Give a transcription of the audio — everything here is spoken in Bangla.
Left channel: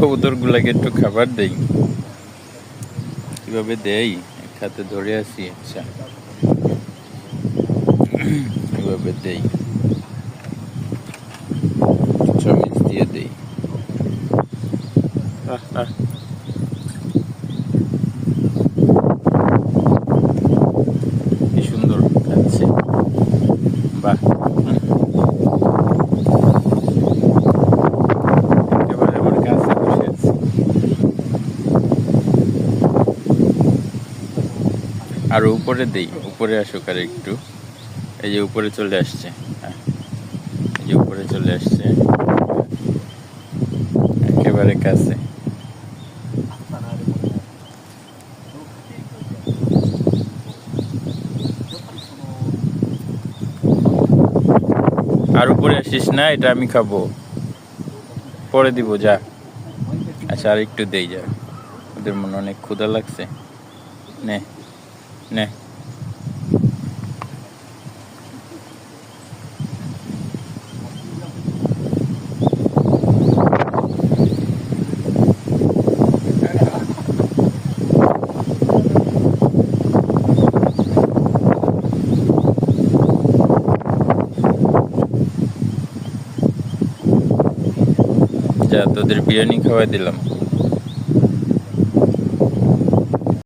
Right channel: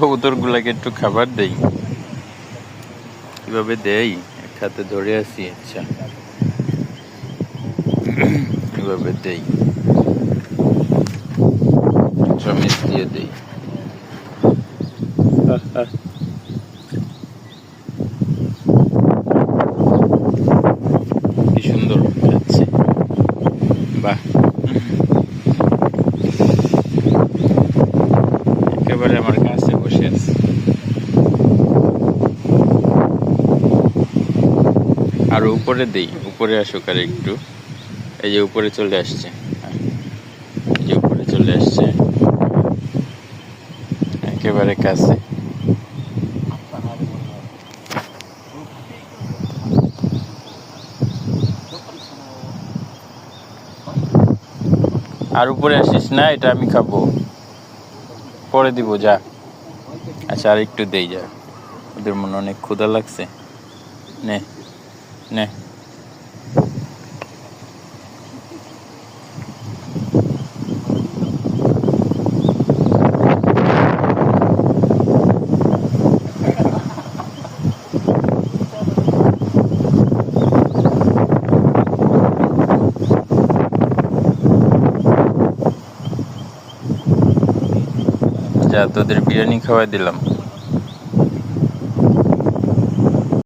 কবুতর গুলাকে একটু খাবার দেই। কিভাবে দেই, এক হাতে ধরে আছি। আচ্ছা, এভাবে দেই, চামচ দিয়ে দেই। কি সুন্দর খাচ্ছে, বাহ। একেবারে আমার কাছে বসে আছে। আর উপরে দেই, উপরে আসুক আর একটু। এই যে উপরে চলে আসছে, এই যে উপরে চলে আসছে, একেবারে কাছে। আর উপরে আসিস না, এটা আমি খাবো, পরে দিব, যা। আচ্ছা, আর একটু দেই, যা। ওদের মনে অনেক ক্ষুধা লাগছে। নে নে। যা, তোদের বিরিয়ানি খাওয়াই দিলাম।